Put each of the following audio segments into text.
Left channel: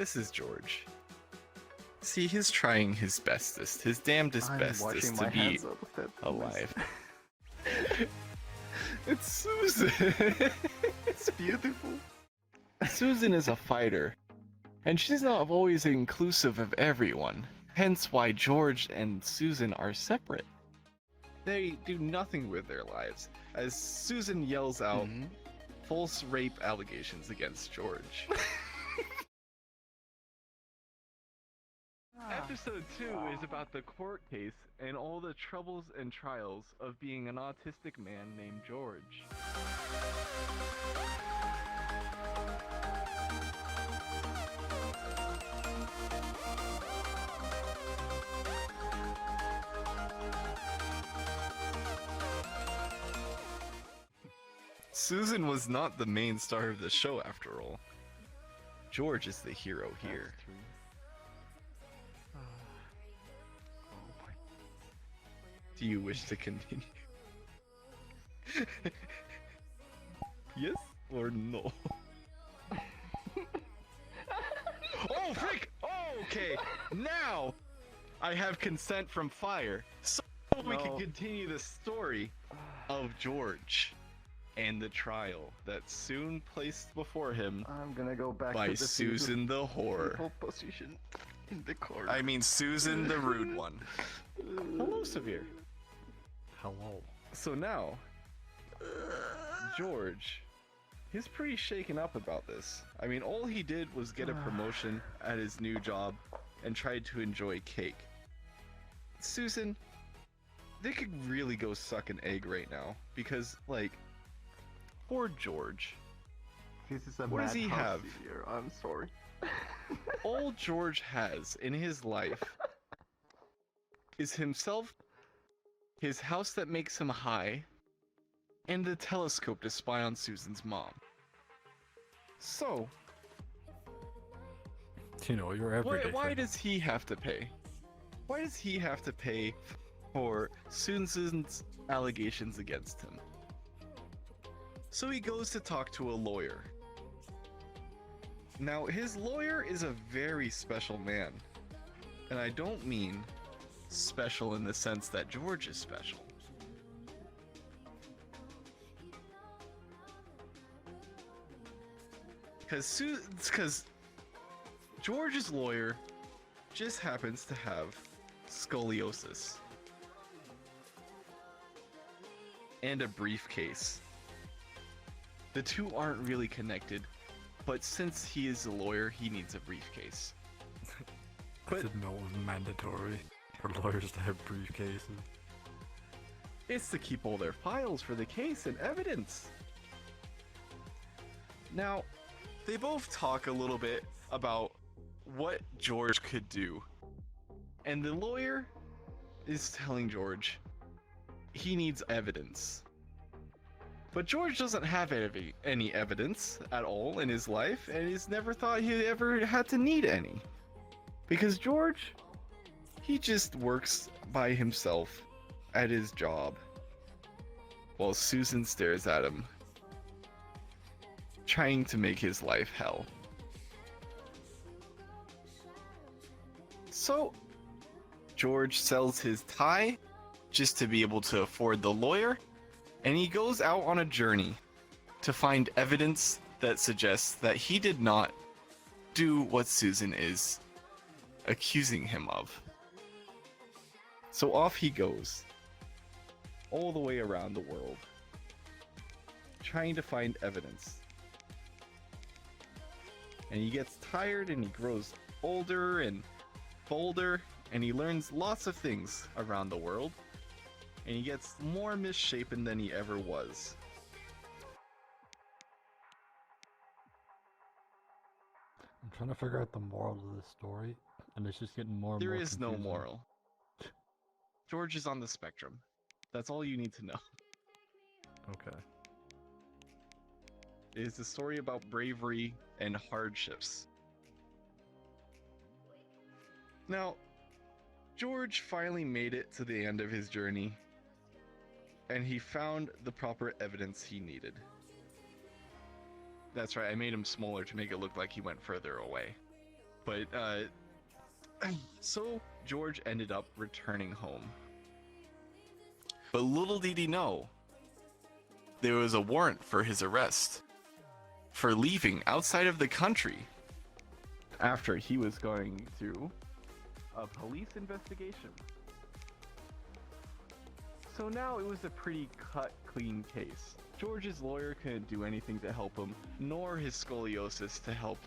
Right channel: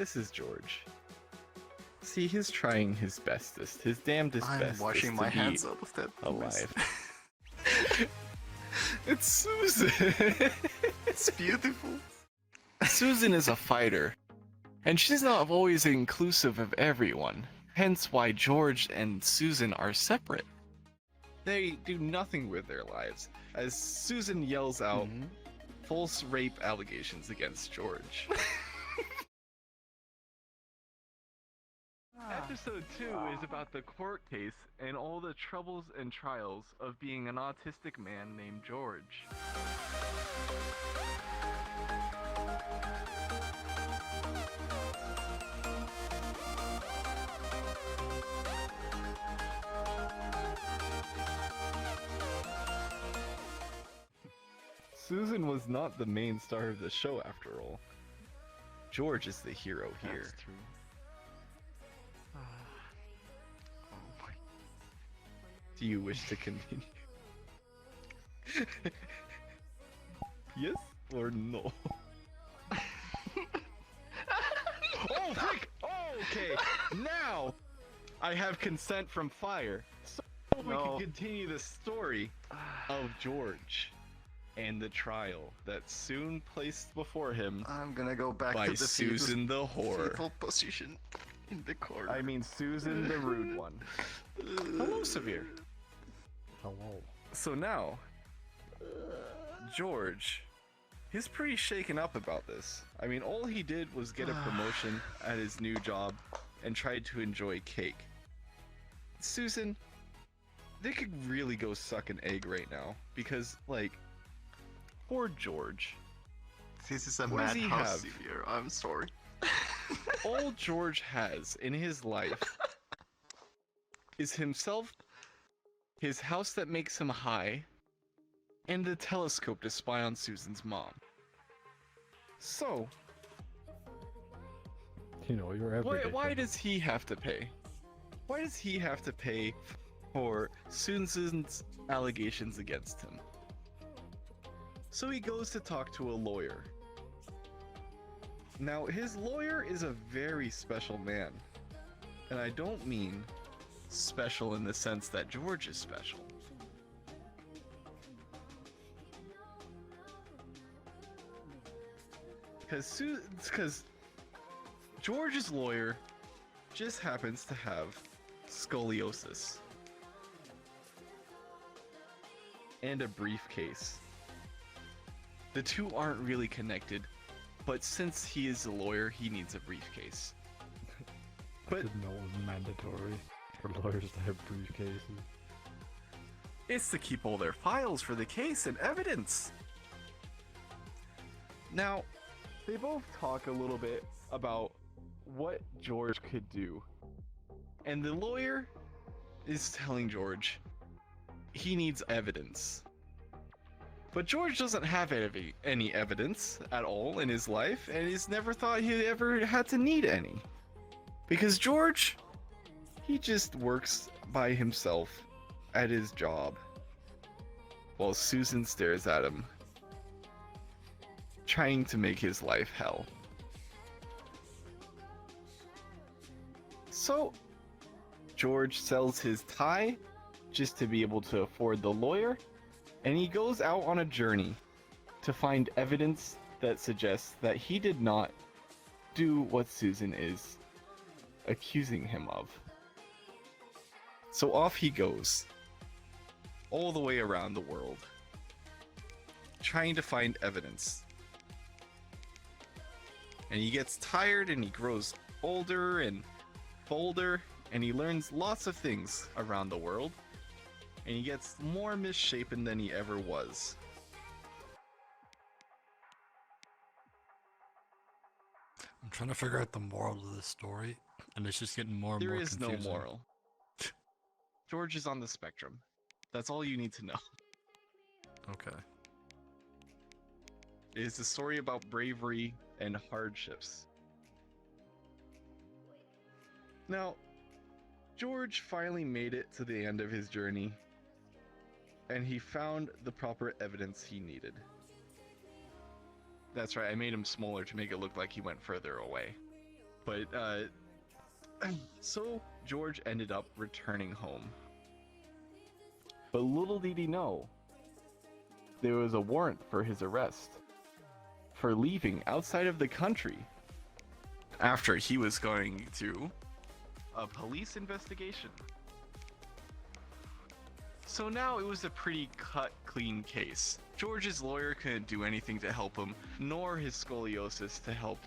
This is George. See, he's trying his bestest, his damnedest I'm bestest washing to my be hands out of that alive. It's Susan! It's beautiful. Susan is a fighter, and she's not always inclusive of everyone, hence why George and Susan are separate. They do nothing with their lives, as Susan yells out false rape allegations against George. Episode 2 is about the court case and all the troubles and trials of being an autistic man named George. Susan was not the main star of the show after all. George is the hero here. Do you wish to continue? Yes or no? Oh, frick! Oh, okay. Now I have consent from Fire, so we can continue the story of George and the trial that's soon placed before him I'm gonna go back by to the Susan the whore. fetal position in the corner. I mean Susan the rude one. Hello, Severe. Hello. So now, George, he's pretty shaken up about this. I mean, all he did was get a promotion at his new job and tried to enjoy cake. Susan, they could really go suck an egg right now because, like, poor George. This is a What does he madhouse have? here. I'm sorry. All George has in his life is himself, his house that makes him high, and the telescope to spy on Susan's mom. So, You know, you're everything. why does he have to pay? Why does he have to pay for Susan's allegations against him? So he goes to talk to a lawyer. Now, his lawyer is a very special man. And I don't mean special in the sense that George is special. Because George's lawyer just happens to have scoliosis and a briefcase. The two aren't really connected, but since he is a lawyer, he needs a briefcase. I didn't know it was mandatory for lawyers to have briefcases. It's to keep all their files for the case and evidence. Now, they both talk a little bit about what George could do. And the lawyer is telling George he needs evidence. But George doesn't have any evidence at all in his life, and he's never thought he ever had to need any. Because George, he just works by himself at his job, while Susan stares at him, trying to make his life hell. So, George sells his tie just to be able to afford the lawyer, and he goes out on a journey to find evidence that suggests that he did not do what Susan is accusing him of. So off he goes, all the way around the world, trying to find evidence. And he gets tired and he grows older and bolder, and he learns lots of things around the world, and he gets more misshapen than he ever was. I'm trying to figure out the moral of this story, and it's just getting more and There more is no confusing. moral. George is on the spectrum. That's all you need to know. Okay. It is a story about bravery and hardships. Now, George finally made it to the end of his journey, and he found the proper evidence he needed. That's right, I made him smaller to make it look like he went further away. But so George ended up returning home. But little did he know, there was a warrant for his arrest for leaving outside of the country after he was going through a police investigation. So now it was a pretty cut, clean case. George's lawyer couldn't do anything to help him, nor his scoliosis to help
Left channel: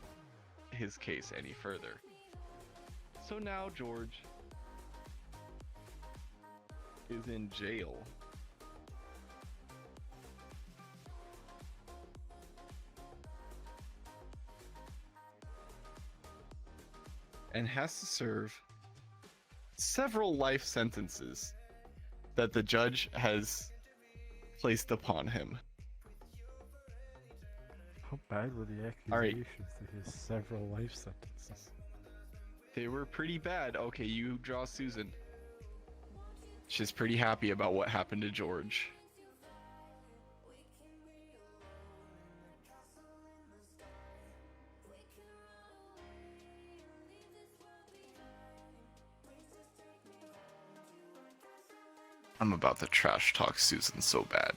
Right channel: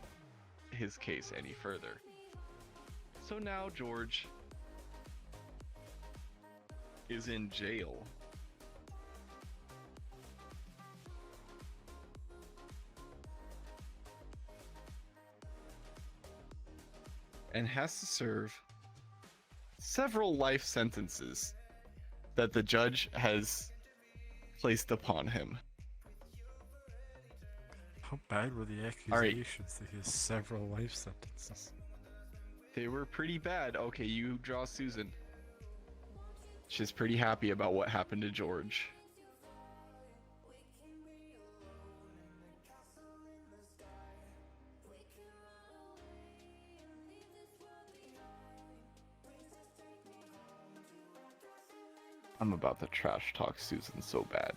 his case any further. So now George is in jail. And has to serve several life sentences that the judge has placed upon him. How bad were the All right. accusations to his several life sentences? They were pretty bad. Okay, you draw Susan. She's pretty happy about what happened to George. I'm about to trash talk Susan so bad.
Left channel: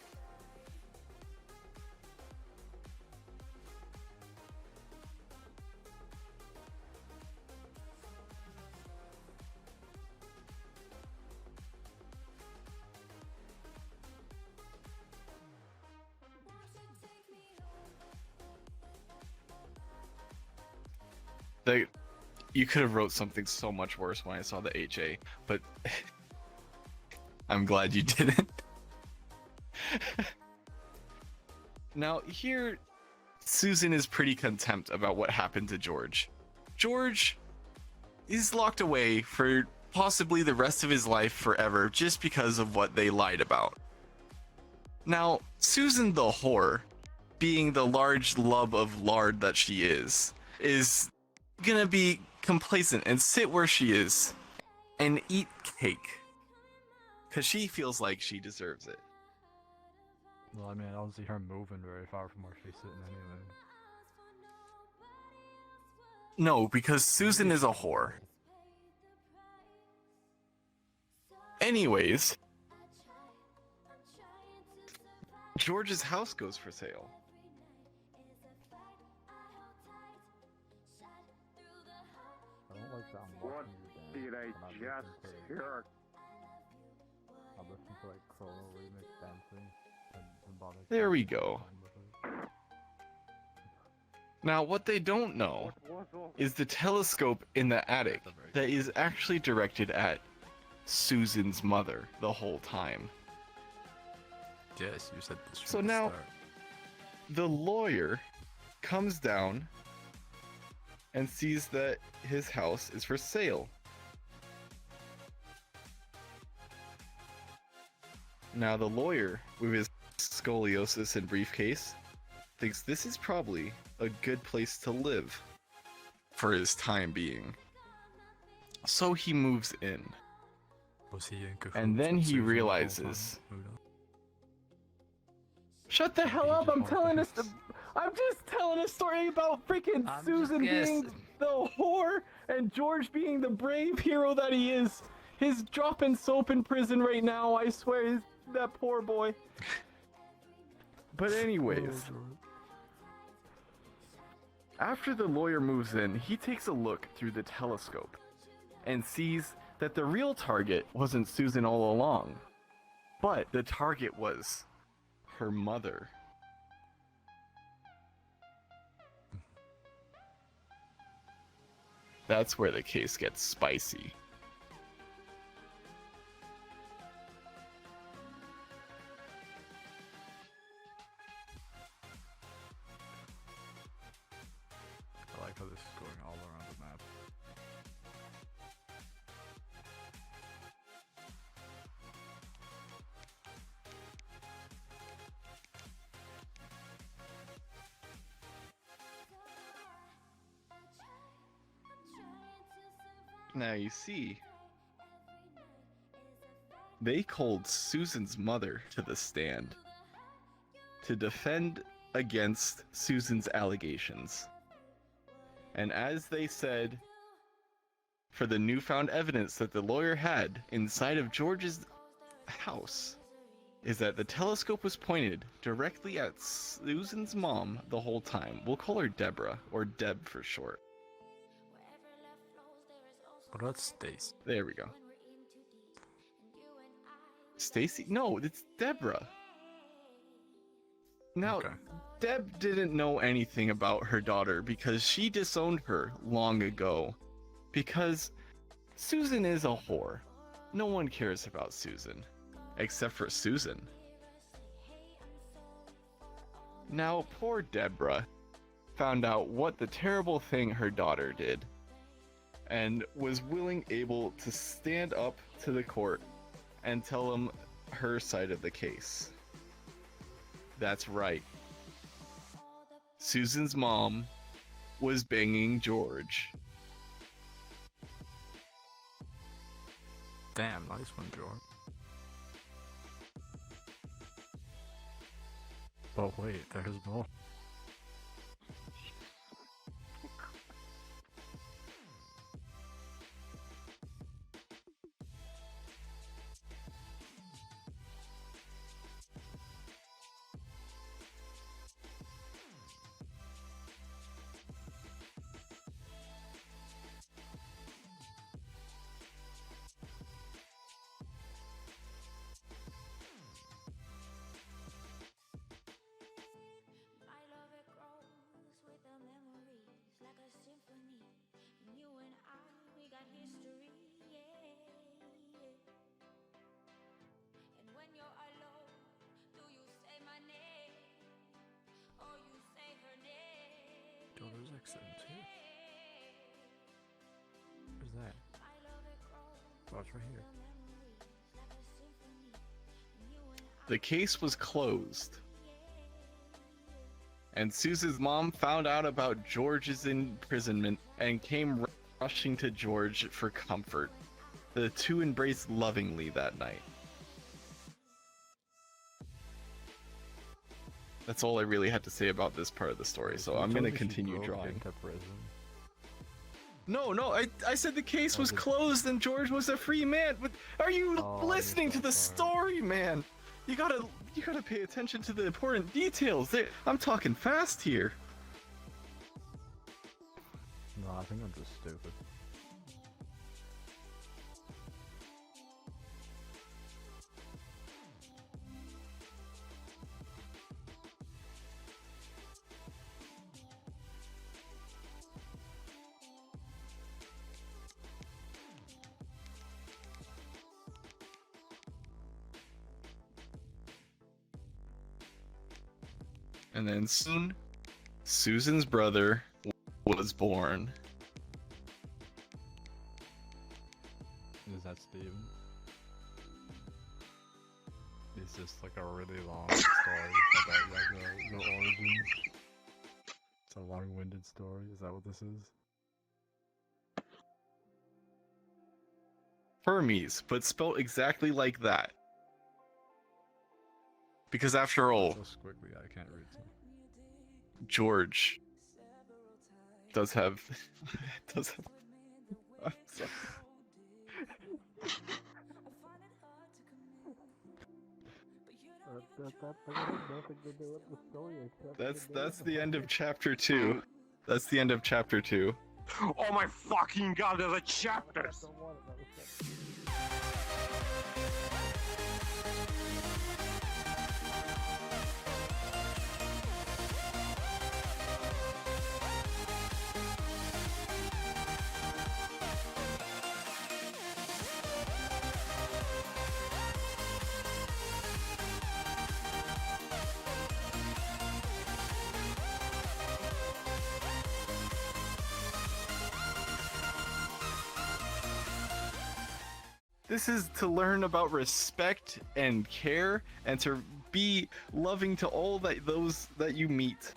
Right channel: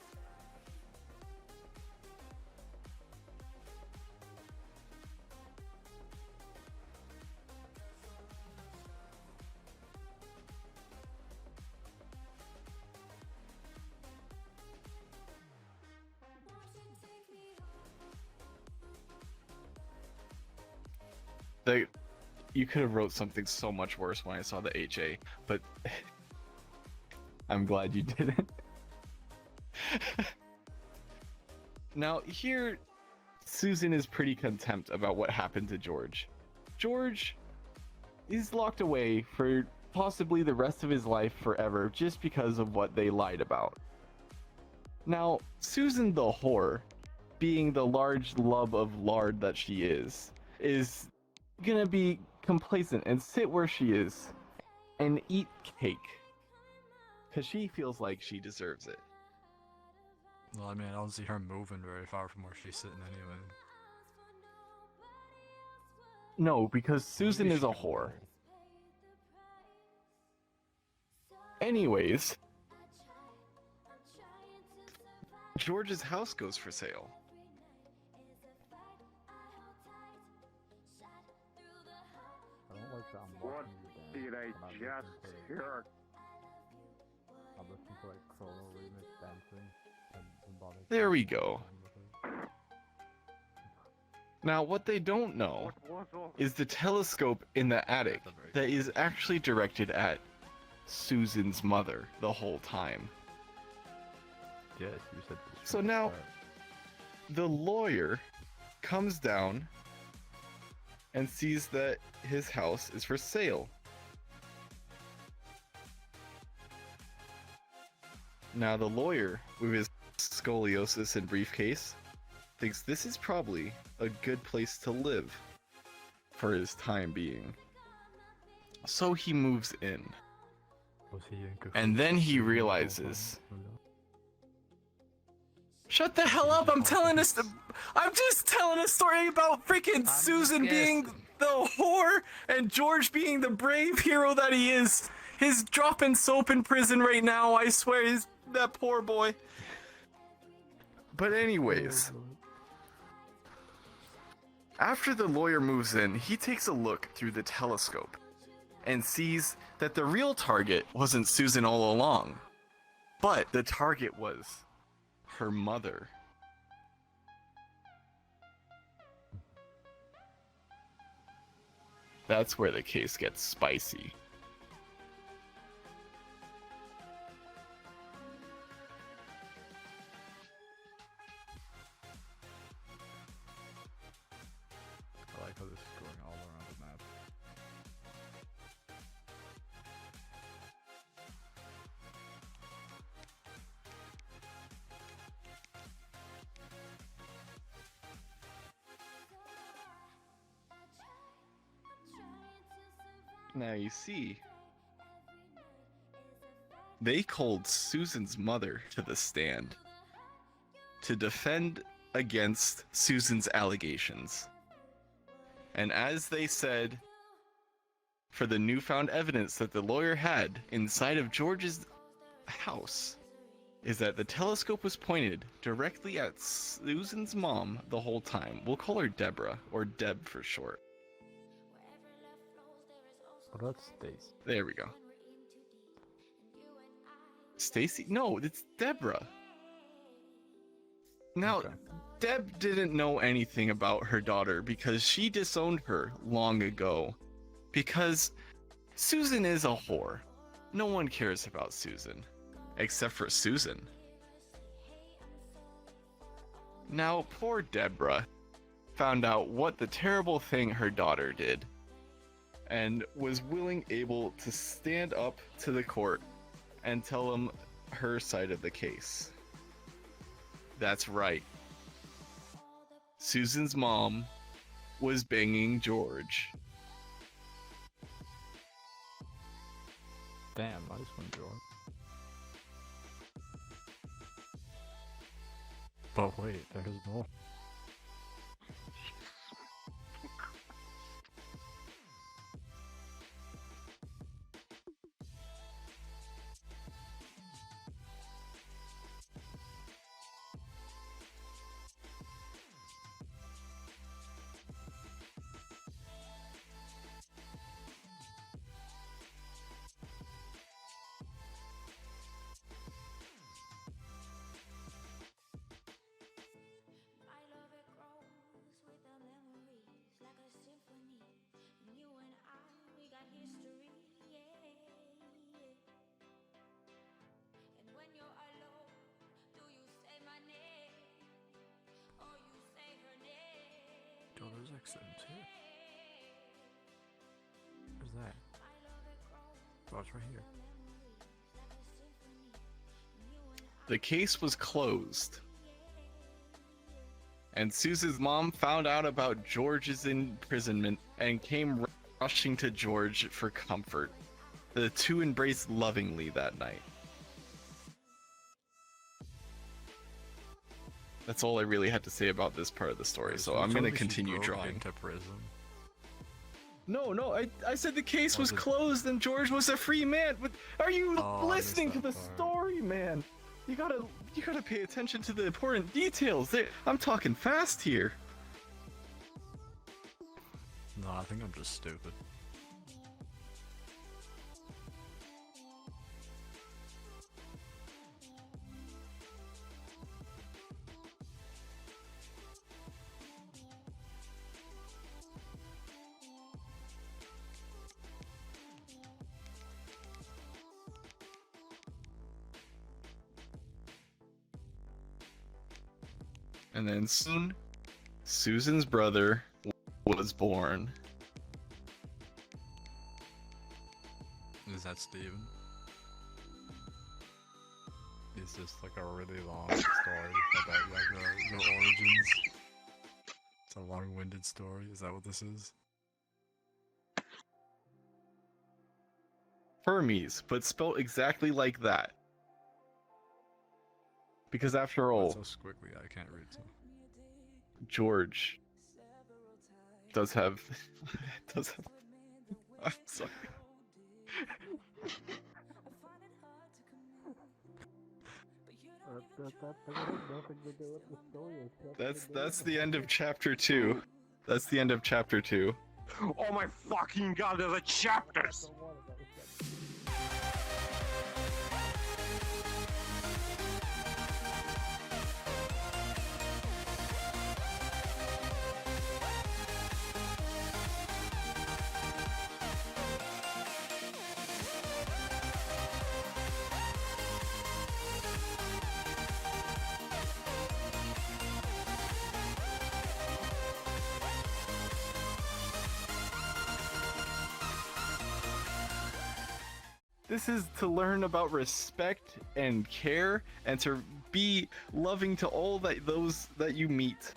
You could have wrote something so much worse when I saw the HA, but I'm glad you didn't. Now, here, Susan is pretty contempt about what happened to George. George is locked away for possibly the rest of his life forever just because of what they lied about. Now, Susan the whore, being the large love of lard that she is gonna be complacent and sit where she is and eat cake. Because she feels like she deserves it. Well, I mean, I don't see her moving very far from where she's sitting anyway. No, because Susan is a whore. Anyways, George's house goes for sale. I don't like that I'm What watching you did I dance, and I'm just listening to, hear? I'm listening to like Chrono remix dancing and Bonnie. There we go. Now, what they don't know What was all is the telescope in the attic that is actually directed at Susan's mother the whole time. Yes, you said this. So from the now- start. The lawyer comes down and sees that his house is for sale. Now the lawyer, with his scoliosis and briefcase, thinks this is probably a good place to live for his time being. So he moves in. Was he in cahoots And then with he Susan the whole realizes- time? Who knows? Shut the hell up! I'm telling us. I'm just telling a story about freaking I'm Susan just being guessing. the whore and George being the brave hero that he is. He's dropping soap in prison right now. I swear, that poor boy. But anyways, after the lawyer moves in, he takes a look through the telescope and sees that the real target wasn't Susan all along, but the target was her mother. That's where the case gets spicy. I like how this is going all around the map. Now you see, they called Susan's mother to the stand to defend against Susan's allegations. And as they said, for the newfound evidence that the lawyer had inside of George's house, is that the telescope was pointed directly at Susan's mom the whole time. We'll call her Deborah, or Deb for short. But that's Stacy. There we go. Stacy? No, it's Deborah. Now, Okay. Deb didn't know anything about her daughter because she disowned her long ago. Because Susan is a whore. No one cares about Susan. Except for Susan. Now, poor Deborah found out what the terrible thing her daughter did. And was able to stand up to the court and tell them her side of the case. That's right. Susan's mom was banging George. Damn, nice one, George. But wait, there's more. God, there's accent too. Where's that? Oh, it's right here. The case was closed. And Susan's mom found out about George's imprisonment and came rushing to George for comfort. The two embraced lovingly that night. That's all I really had to say about this part of the story, so I'm gonna continue drawing. Into prison. No, I said the case was closed and George was a free man. But are you Oh, I listening to missed the that part. story, man? You gotta pay attention to the important details. I'm talking fast here. No, I think I'm just stupid. And then soon, Susan's brother was born. Is that Steven? Is this like a really long story about like your origins? It's a long-winded story, is that what this is? Hermes, but spelled exactly like that. Because after all, It's so squiggly, I can't read some. George does have I'm sorry. That's the end of chapter 2. That's the end of chapter 2. Oh my fucking god, there's a chapters! This is to learn about respect and care and to be loving to all those that you meet.